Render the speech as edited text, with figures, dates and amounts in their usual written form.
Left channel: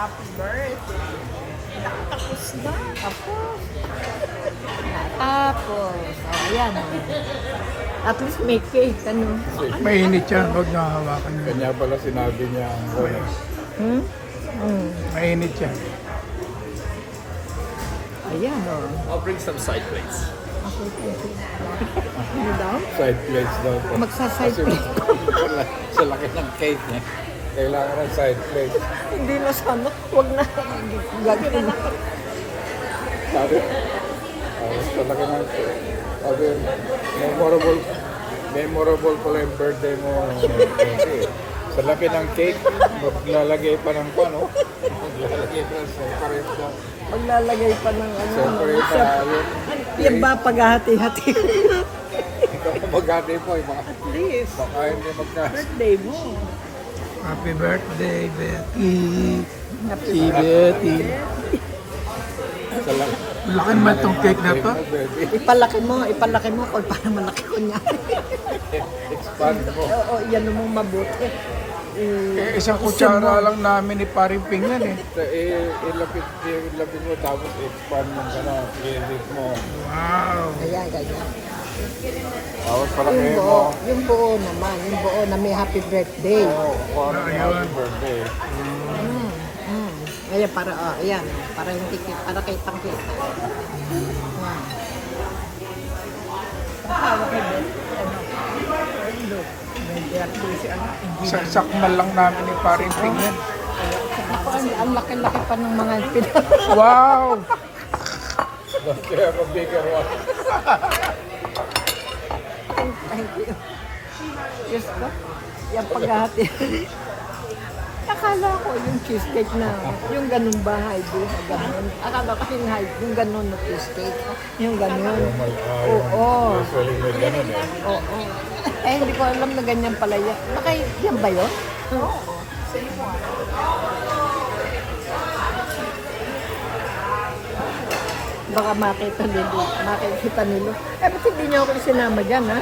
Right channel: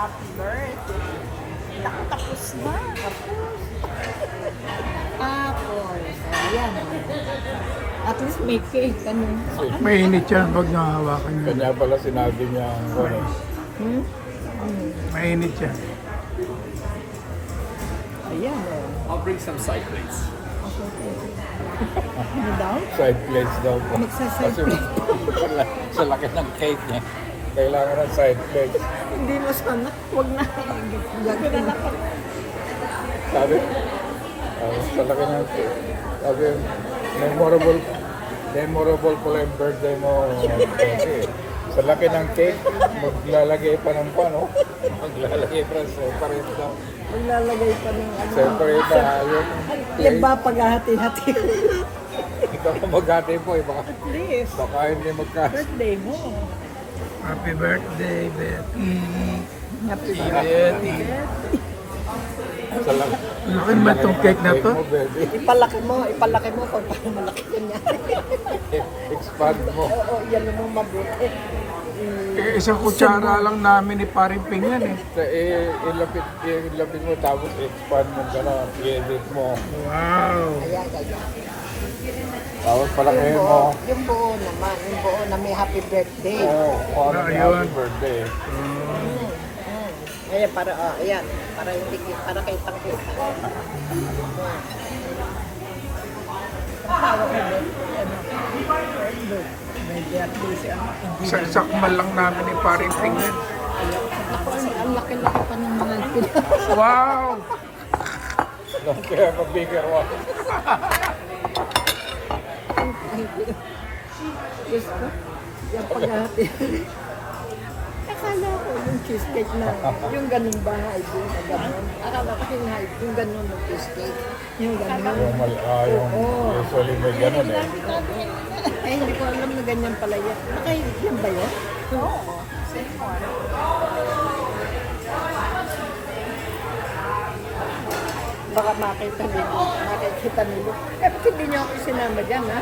Happy birthday. Nakatapos na. Tapos. Tapos. Ayan. At least may cake. Ano? Mainit yan, huwag niyo hawakan yun. Kanya pala sinabi niya, Hmm? Hmm. Mainit yan. Ayan o. I'll bring some side plates. Ano daw? side plates daw po. Magsaside Kasi plate. sa laki ng cake niya, kailangan ng side plates. Hindi na sana. Huwag na. Gagawin na. Sabi, sa laki ng cake. Sabi, memorable pala yung birthday mo. Sa laki ng cake, maglalagay pa ng ano? Maglalagay pa ng soparita. Maglalagay pa ng ano. Soparita, yun. Yan ba paghahati-hati? Ikaw na maghati po, baka At least. hindi magkas. Birthday mo. Happy birthday, Betty. Happy Si Betty. Sa Laki naman itong cake na to. mo, baby. Ipalaki mo kung paano malaki ko niya. Expand mo. Oo, yan naman mabuti. Isang kutsara lang namin ni Paring Ping yan eh. Ilapit mo tapos expand mo gano'n, i-edit mo. Wow. Tapos palaki mo. Yung buo naman, yung buo na may happy birthday. Oo, parang Ayun. happy birthday. Ayan, para, ayan. Para kay Pakit. Ang tawag ni Ben, ano, may birthday si ano, Sakmal lang namin ni Paring Ping yan. ayaw sa mama. Ang laki-laki pa ng mga Wow. Kaya pa bigger one. Thank you. Yes ko. Yung paghahati. Akala ko yung cheesecake na, yung ganun ba, Heidi? Akala ko yung ganun na cheesecake. Yung ganun. Oo. Usually may gano'n eh. Oo. Eh, hindi ko alam na ganyan pala yan. Yan ba yun? Oo. Same one. Baka makita nilo. Eh, ba't hindi niyo ako isinama dyan, ha?